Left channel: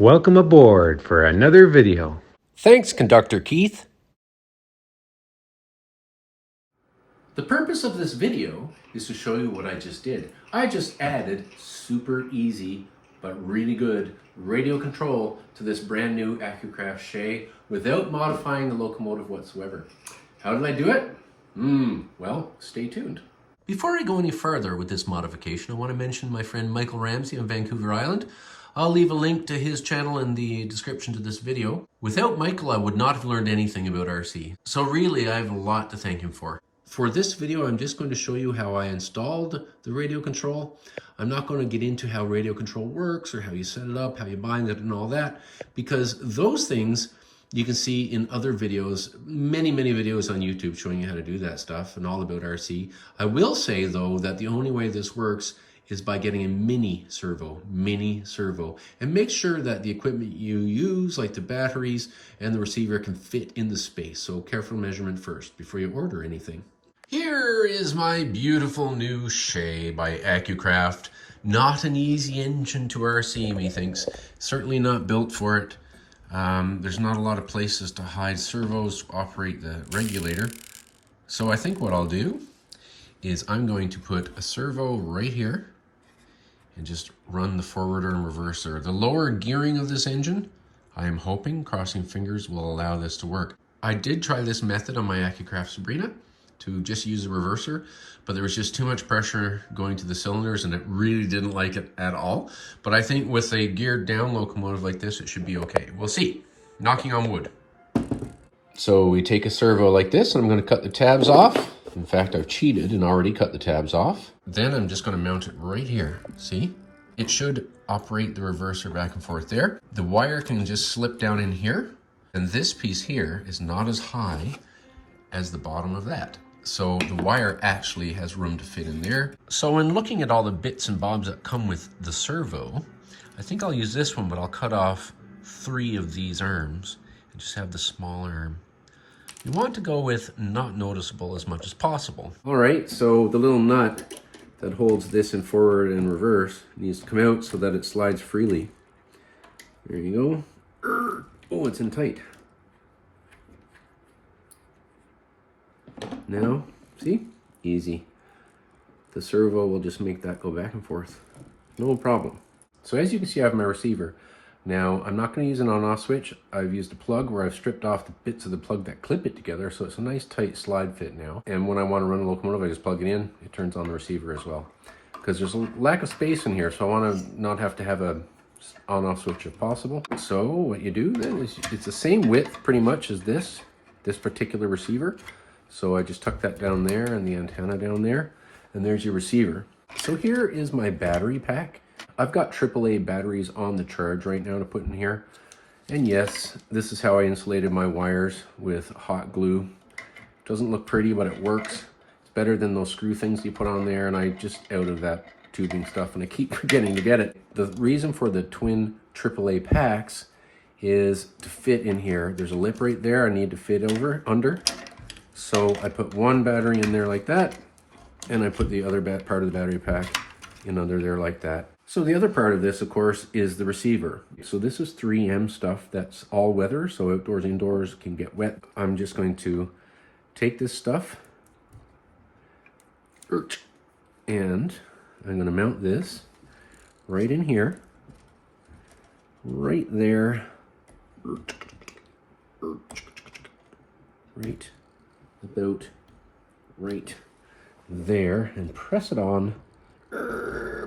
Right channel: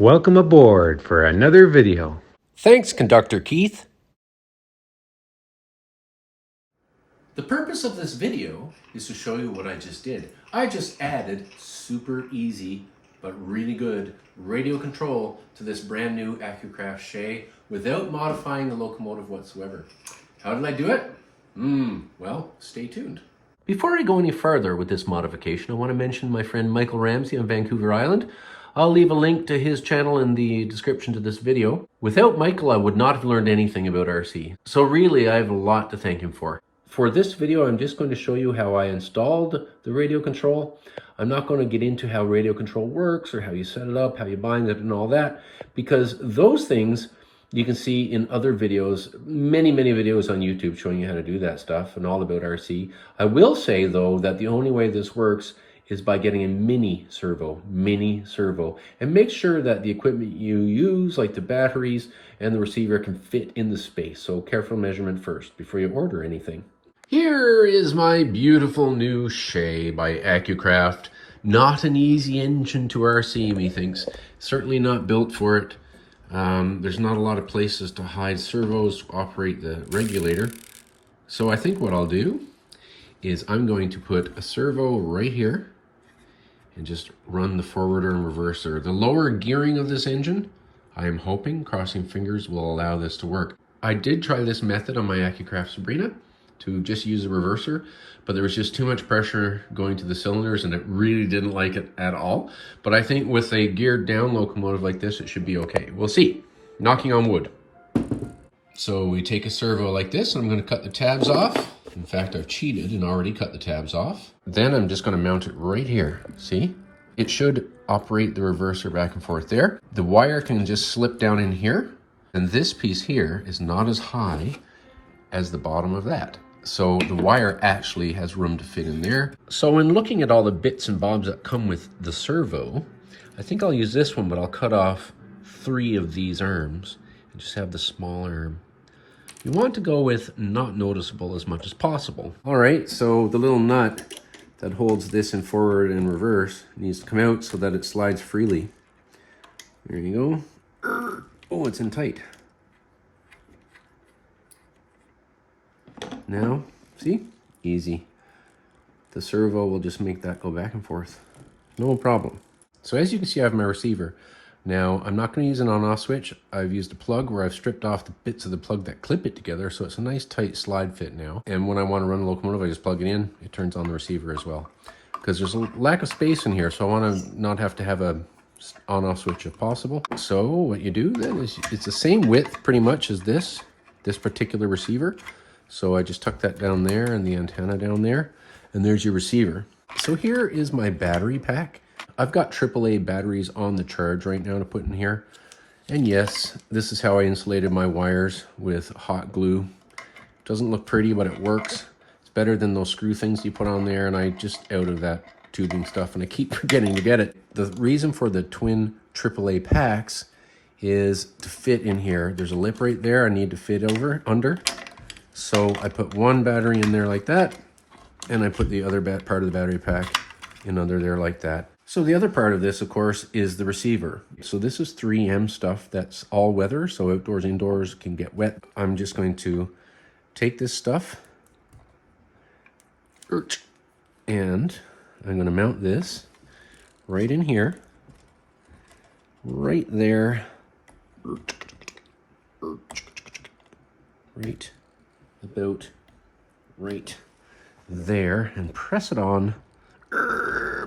Welcome aboard for another video. Thanks, Conductor Keith. The purpose of this video is to show you what I just did. I just added super easy but really good radio control to this brand new Accucraft Shay without modifying the locomotive whatsoever. How did I do it? Well, stay tuned. Before I go any further with this modification, I want to mention my friend Michael Ramsey on Vancouver Island. I'll leave a link to his channel in the description to this video. Without Michael, I would not have learned anything about RC. So really, I have a lot to thank him for. For this video, I'm just going to show you how I installed the radio control. I'm not going to get into how radio control works or how you set it up, how you bind it and all that, because those things you can see in other videos, many videos on YouTube showing you how to do that stuff and all about RC. I will say though that the only way this works is by getting a mini servo, and make sure that the equipment you use, like the batteries and the receiver, can fit in the space. So careful measurement first before you order anything. Here is my beautiful new Shay by Accucraft. Not an easy engine to RC, methinks. Certainly not built for it. There's not a lot of places to hide servos to operate the regulator. So I think what I'll do is I'm going to put a servo right here and just run the forwarder and reverser. The lower gearing of this engine, I am hoping, crossing fingers, will allow this to work. I did try this method on my Accucraft Sabrina to just use the reverser, but there was just too much pressure going to the cylinders and it really didn't like it at all. But I think with a geared down locomotive like this, it should be okay. We'll see. Knocking on wood. So we take a servo like this and I'm going to cut the tabs off. In fact, I've cheated and already cut the tabs off. Then I'm just going to mount it right here. See? It should operate the reverser back and forth there. The wire can just slip down in here. And this piece here is not as high as the bottom of that. So the wire actually has room to fit in there. So when looking at all the bits and bobs that come with the servo, I think I'll use this one, but I'll cut off 3 of these arms and just have the small arm. You want to go with not noticeable as much as possible. All right, so the little nut that holds this in forward and reverse needs to come out so that it slides freely. There you go. Oh, it's in tight. Now, see? Easy. The servo will just make that go back and forth. No problem. So as you can see, I have my receiver. Now, I'm not going to use an on-off switch. I've used a plug where I've stripped off the bits of the plug that clip it together, so it's a nice tight slide fit now. And when I want to run the locomotive, I just plug it in. It turns on the receiver as well. Because there's a lack of space in here, so I want to not have to have a on-off switch if possible. So what you do then is it's the same width pretty much as this particular receiver. So I just tuck that down there and the antenna down there, and there's your receiver. So here is my battery pack. I've got AAA batteries on the charge right now to put in here. And yes, this is how I insulated my wires with hot glue. Doesn't look pretty, but it works. It's better than those screw things you put on there, and I just out of that tubing stuff, and I keep forgetting to get it. The reason for the twin AAA packs is to fit in here. There's a lip right there I need to fit under. So I put one battery in there like that, and I put the other part of the battery pack in under there like that. So the other part of this, of course, is the receiver. So this is 3M stuff that's all weather, so outdoors, indoors can get wet. I'm just going to take this stuff, and I'm going to mount this right in here, right there, right about right there, and press it on.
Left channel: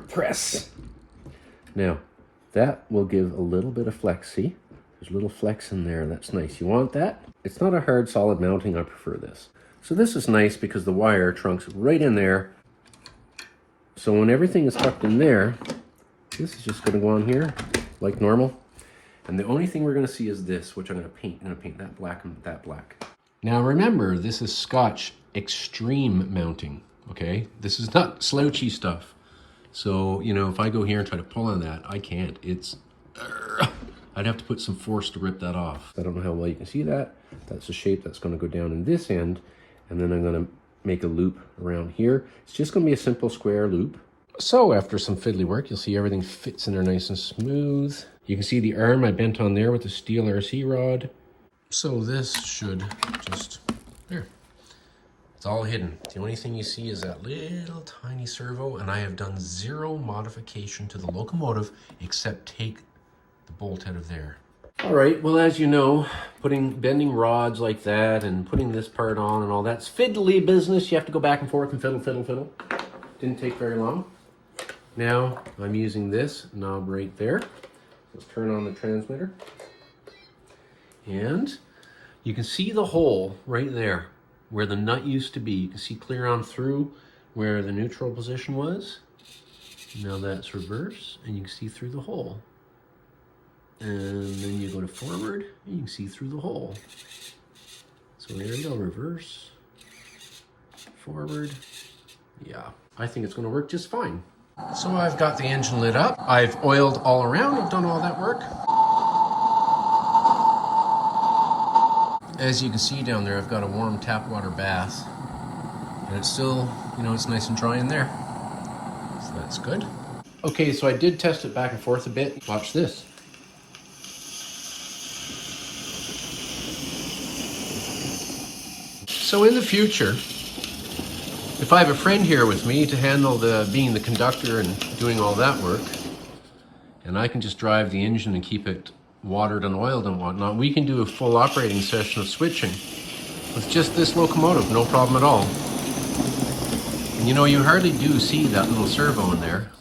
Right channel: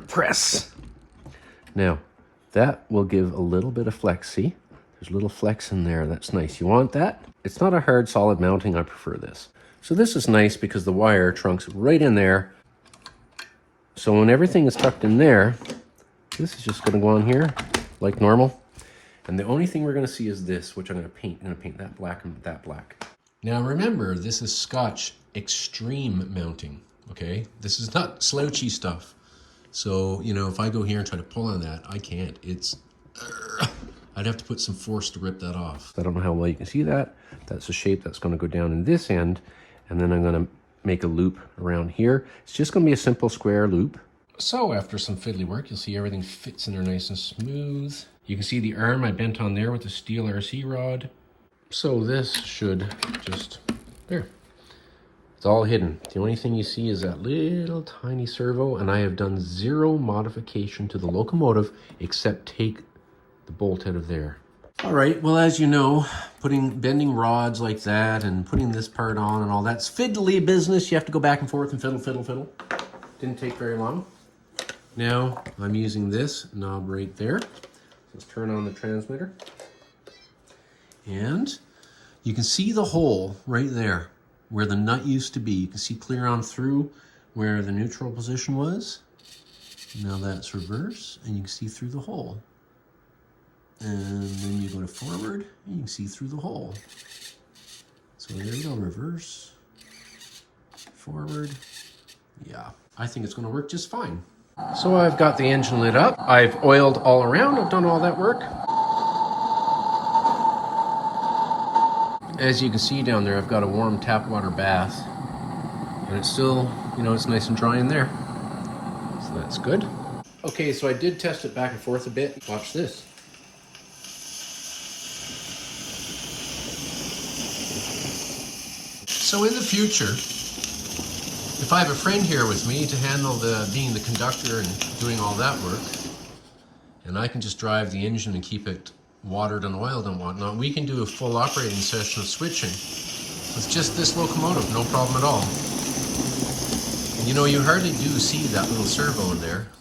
Press. Now that will give a little bit of flex. See, there's a little flex in there. That's nice. You want that? It's not a hard solid mounting. I prefer this. So this is nice because the wire trunks right in there. So when everything is tucked in there, this is just going to go on here like normal. And the only thing we're going to see is this, which I'm going to paint. I'm going to paint that black and that black. Now remember, this is Scotch extreme mounting, okay? This is not slouchy stuff. So, you know, if I go here and try to pull on that, I can't. I'd have to put some force to rip that off. I don't know how well you can see that. That's the shape that's going to go down in this end. And then I'm going to make a loop around here. It's just going to be a simple square loop. So after some fiddly work, you'll see everything fits in there nice and smooth. You can see the arm I bent on there with the steel RC rod. So this should just, there. It's all hidden. The only thing you see is that little tiny servo, and I have done zero modification to the locomotive except take the bolt out of there. All right, well, as you know, bending rods like that and putting this part on and all that's fiddly business. You have to go back and forth and fiddle. Didn't take very long. Now I'm using this knob right there. Let's turn on the transmitter. And you can see the hole right there where the nut used to be. You can see clear on through where the neutral position was. Now that's reverse, and you can see through the hole. And then you go to forward, and you can see through the hole. So there you go, reverse, forward. Yeah, I think it's going to work just fine. So I've got the engine lit up. I've oiled all around. I've done all that work. As you can see down there, I've got a warm tap water bath. And it's still, you know, it's nice and dry in there. So that's good. Okay, so I did test it back and forth a bit. Watch this. So in the future, if I have a friend here with me to handle being the conductor and doing all that work, and I can just drive the engine and keep it watered and oiled and whatnot, we can do a full operating session of switching with just this locomotive, no problem at all. And you know, you hardly do see that little servo in there,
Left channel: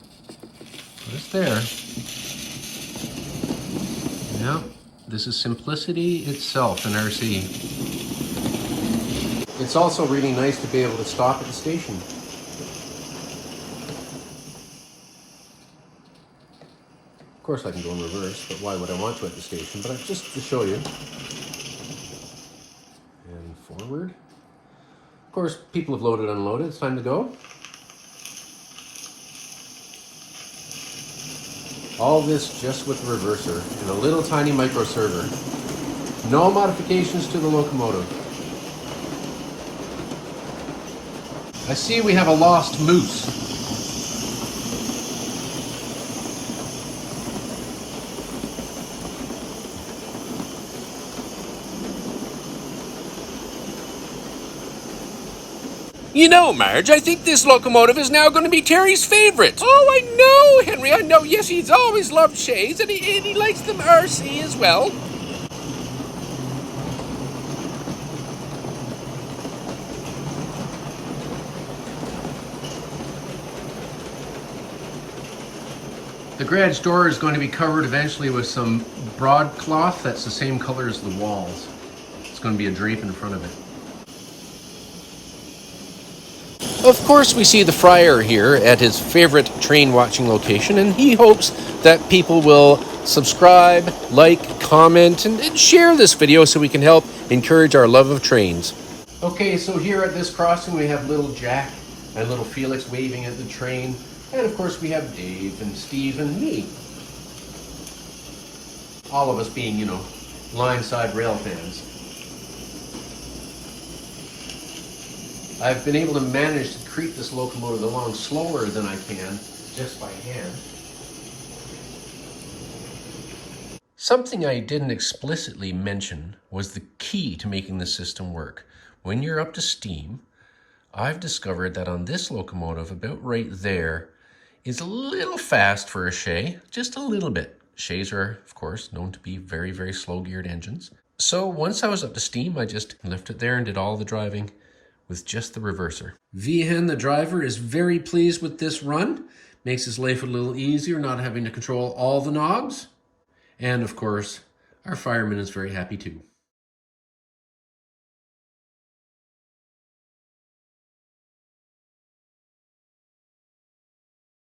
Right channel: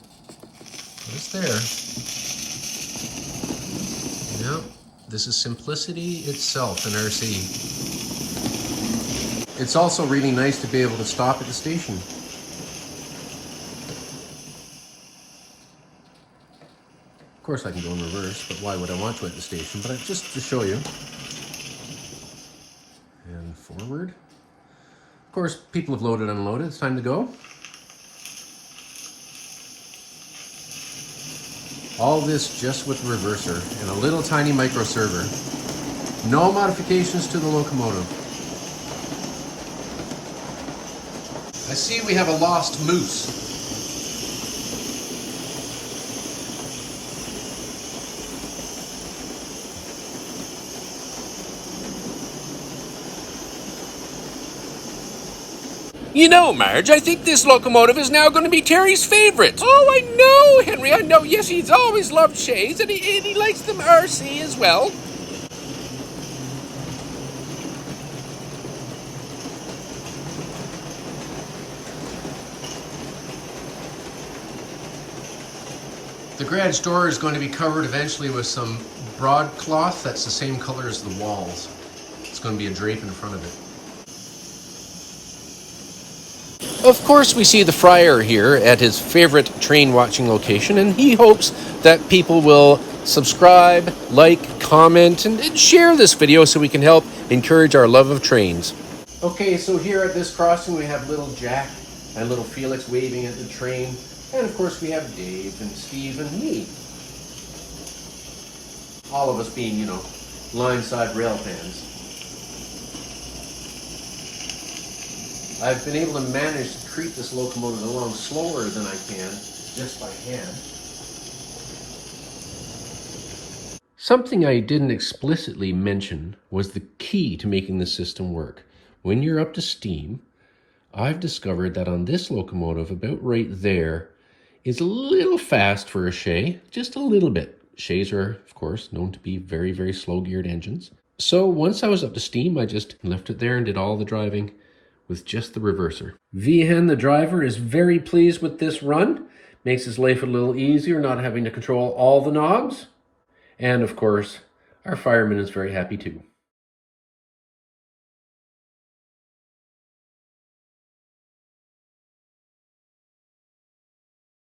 but it's there. Yeah, this is simplicity itself in RC. It's also really nice to be able to stop at the station. Of course I can go in reverse, but why would I want to at the station? But just to show you. And forward. Of course, people have loaded and unloaded. It's time to go. All this just with the reverser and a little tiny micro server. No modifications to the locomotive. I see we have a lost moose. You know, Marge, I think this locomotive is now going to be Terry's favorite. Oh, I know, Henry, I know. Yes, he's always loved Shays, and he likes them RC as well. The garage door is going to be covered eventually with some broadcloth that's the same color as the walls. It's going to be a drape in front of it. Of course, we see the Friar here at his favorite train watching location, and he hopes that people will subscribe, like, comment, and share this video so we can help encourage our love of trains. Okay, so here at this crossing we have little Jack and little Felix waving at the train. And of course we have Dave and Steve and me. All of us being, you know, line-side rail fans. I've been able to manage to creep this locomotive along slower than I can, just by hand. Something I didn't explicitly mention was the key to making the system work. When you're up to steam, I've discovered that on this locomotive, about right there, is a little fast for a Shay, just a little bit. Shays are, of course, known to be very, very slow-geared engines. So once I was up to steam, I just left it there and did all the driving with just the reverser. Vihan, the driver, is very pleased with this run. Makes his life a little easier, not having to control all the knobs. And of course, our fireman is very happy too.